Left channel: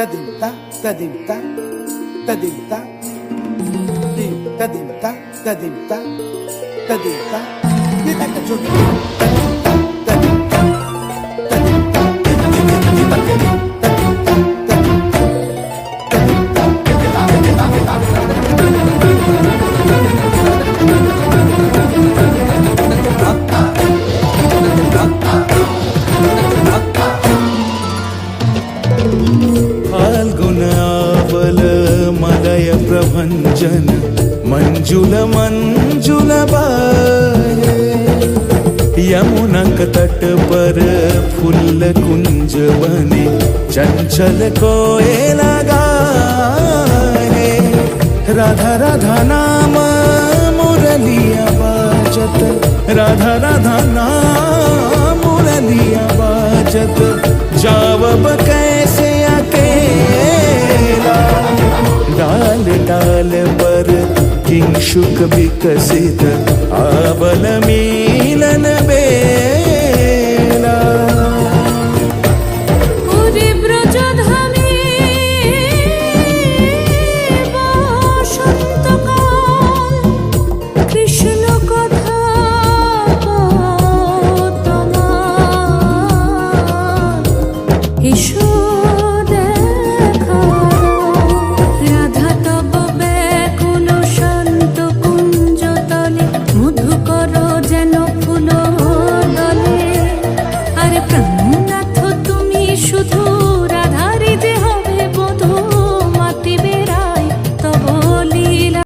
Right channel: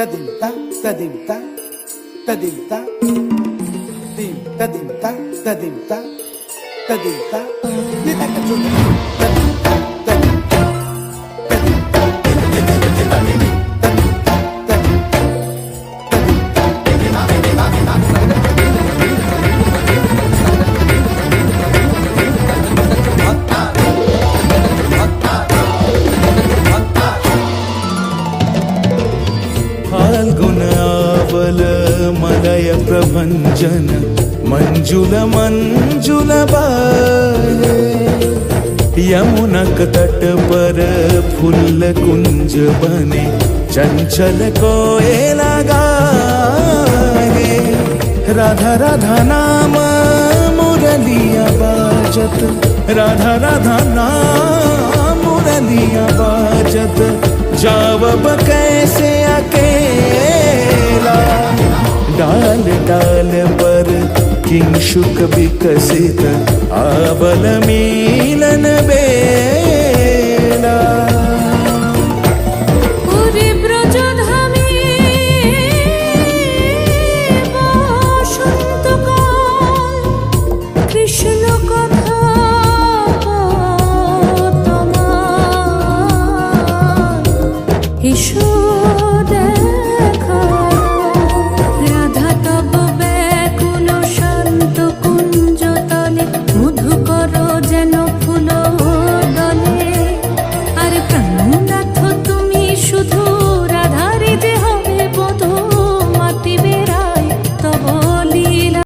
tadimta tadimta tadimta dim tadimta tadimta tadimta ये क्या कर जोड़ tadimta tadimta tadimta tadimta tadimta tadimta Phalgun आवल मलय प्रभंजन मंजुल मंजुल बाहे यमुनक तट पर फूल कुंज बने चंचल कोयला गाहे राधा राधा नाम मुरलिया बाजत राधा राधा नाम मुरलिया बाजत जावब कैसे अकेला डाल डाल पर किंशुक विकसित आवल मिलन बेला